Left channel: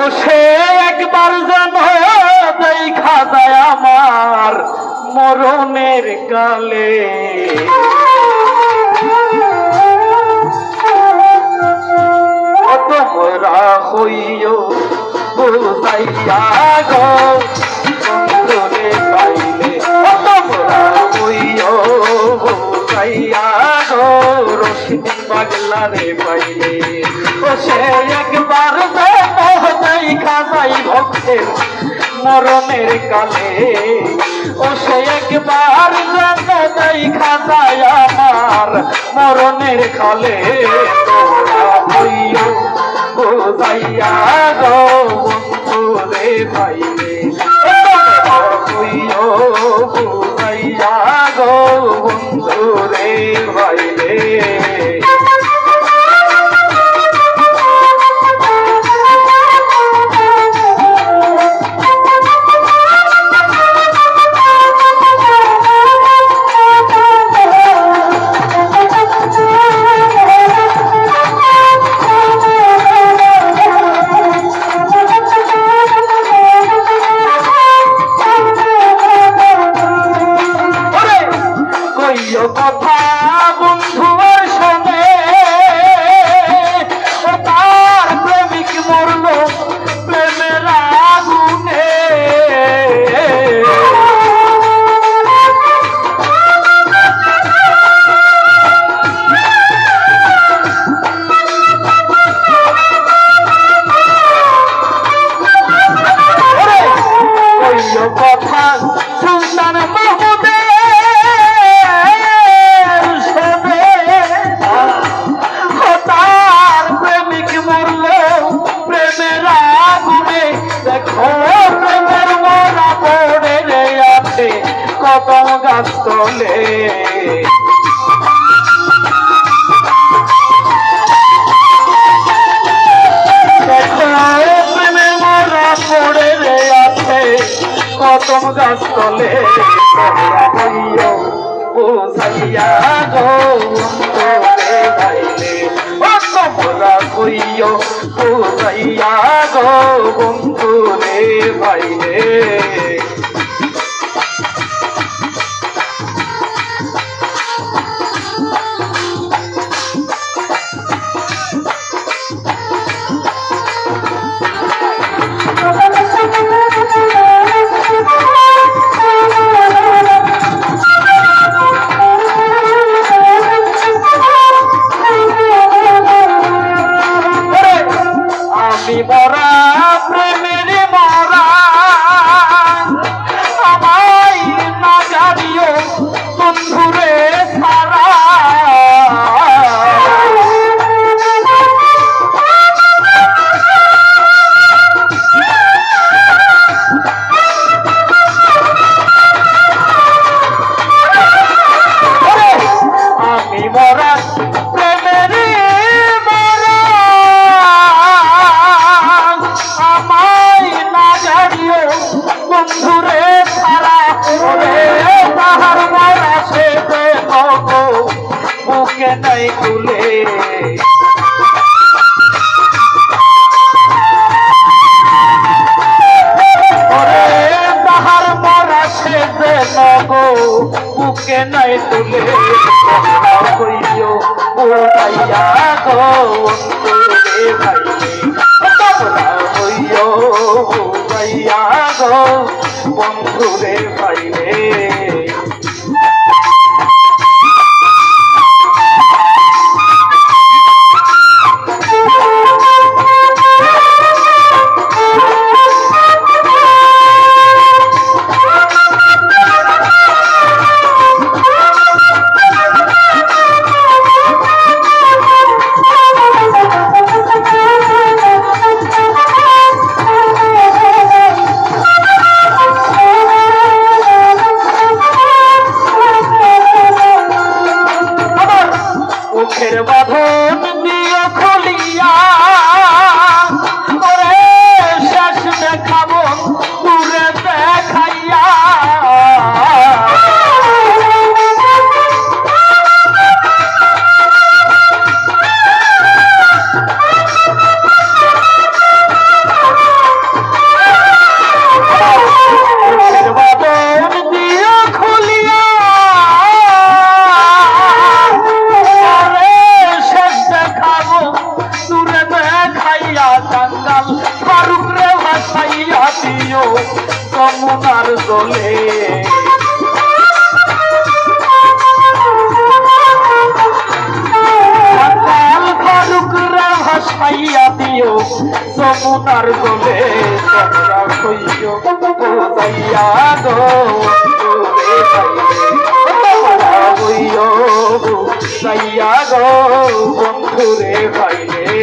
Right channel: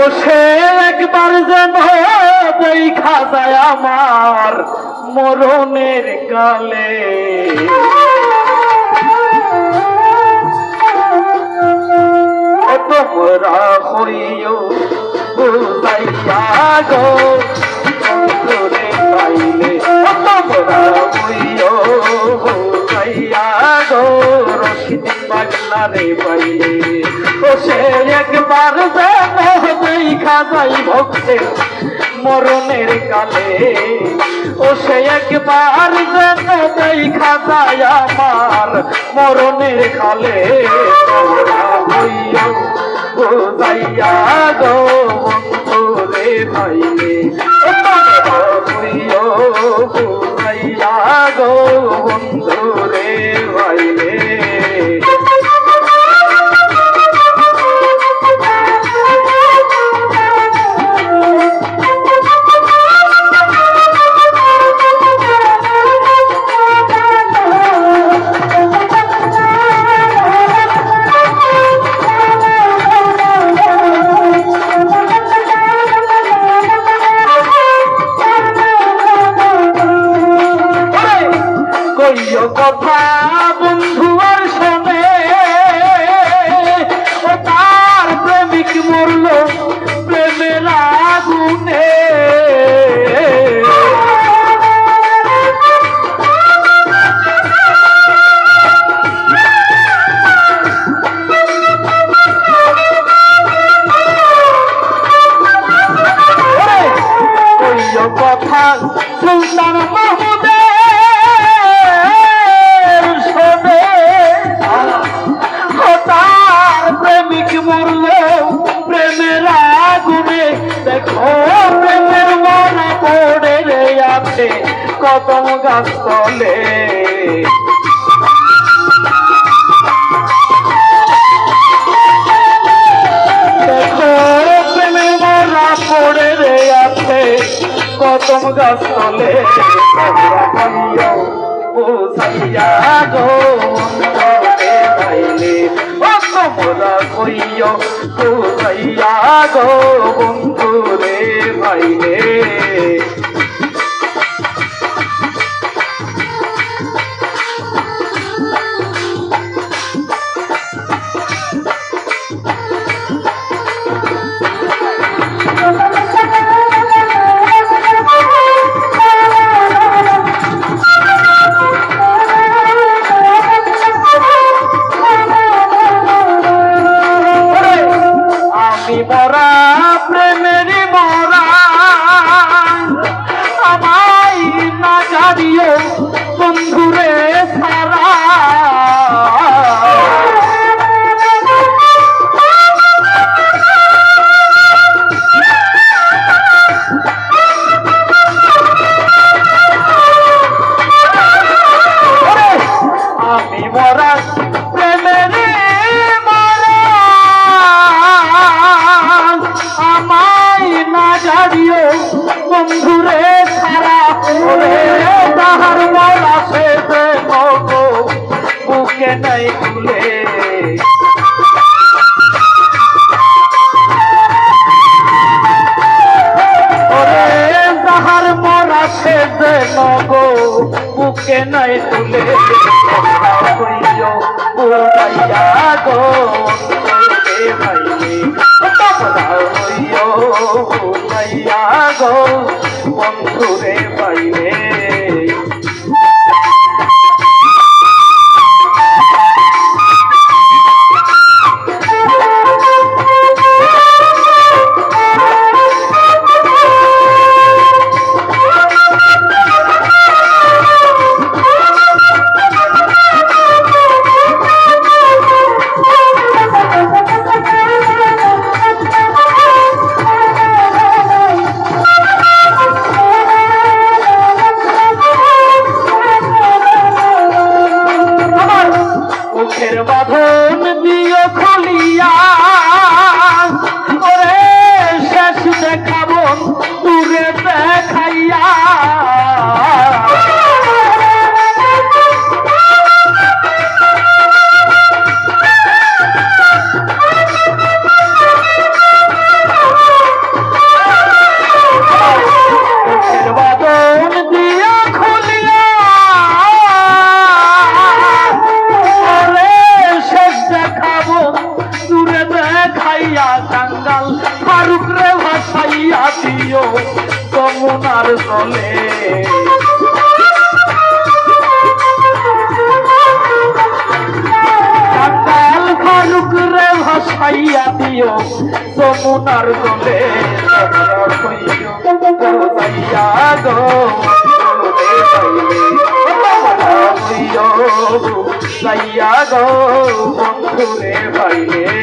ও সে একবার যেন দেখা যায় আমার মরণের কালে। তোমরা হইও বুঝাইয়া গো বন্ধুরে পাইলে, তোমরা হইও বুঝাইয়া গো রশিদ পাগলারে পাইলে। ও সে একবার দেখা যাই ভক্তের মরণের কালে। ও সে একবার দেখা যায় আমার মরণের কালে। তোমরা হইও বুঝাইয়া গো বন্ধুরে পাইলে, হইও বুঝাইয়া গো বন্ধুরে পাইলে। কথা বন্ধু আর শোনে, তার প্রেমিক মরল প্রেমের আগুনে। কথা সুলতান মাহমুদে তার প্রেমিক মরল প্রেমের আগুনে। দেখো প্রেমের মারা পড়ে রে আছে কদম গাছ তলে। দেখো প্রেমের মারা পড়ে রে আছে কদম গাছ তলে। বুঝাইয়া গো পাইলে, তোমরা হইও বুঝাইয়া গো বন্ধুরে পাইলে। মরা প্রেমের মরা আমায় না জানিও বন্ধুরে সারা। আমি মরা প্রেমের বন্ধুরে সারা তাহার মরা সে বুকে নাই তুলে। তাহার মরা সে বুকে নাই তুলে। কইও বুঝাইয়া গো ভাইলে, তোমরা হইও বুঝাইয়া গো বন্ধুরে পাইলে। মুখের বাঁধন দিয়ে খুলিয়া শেষ দেখাবো পুরে দেখাইয়া। যমুনার জলে ভাসাইয়া দিও যমুনার জলে তোমরা কইও বোঝাইয়া গো কইও বোঝাইয়া গো বন্ধুরে ভাইলে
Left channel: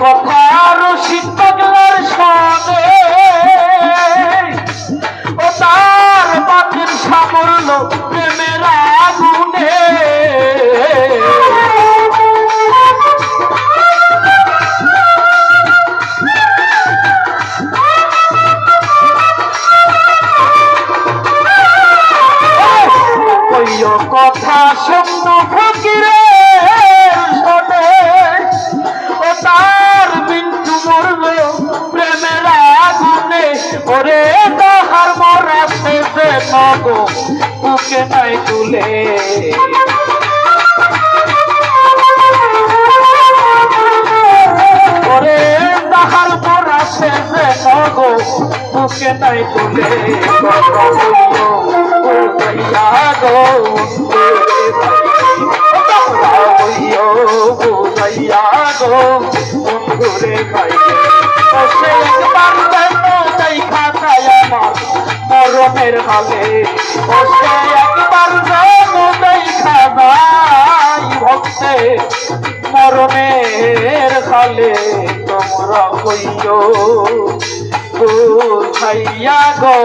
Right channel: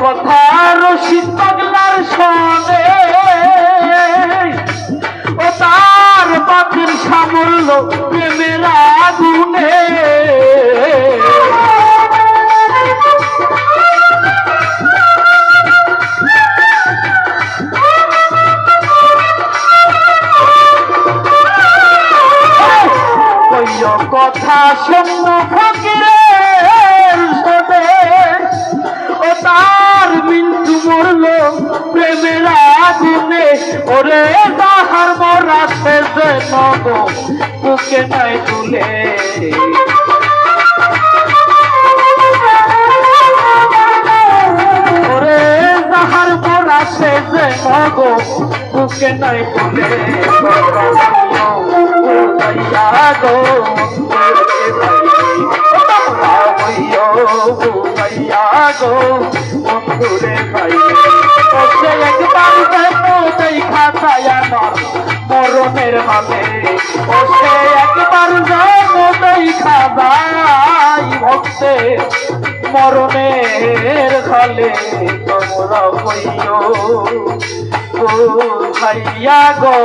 কথার শীতকার সঙ্গে ও তার বাতির সামল প্রেমের আগুনে কথা শূন্য ফকিরে তার মিন্টু মরল প্রেমের আগুনে ওরে তাহার মরা শেষে নগ বুকে নাই তুলে ওরে তাহার মরা শেষে নগ বুকে নাই তুলে বন্ধুরে ভাইলে সে একবার দেখা যায় আমার মরণের হালে সে একবার দেখা যায় ভক্তে মরণের হালে তোমরা কইও বোঝাইয়া গো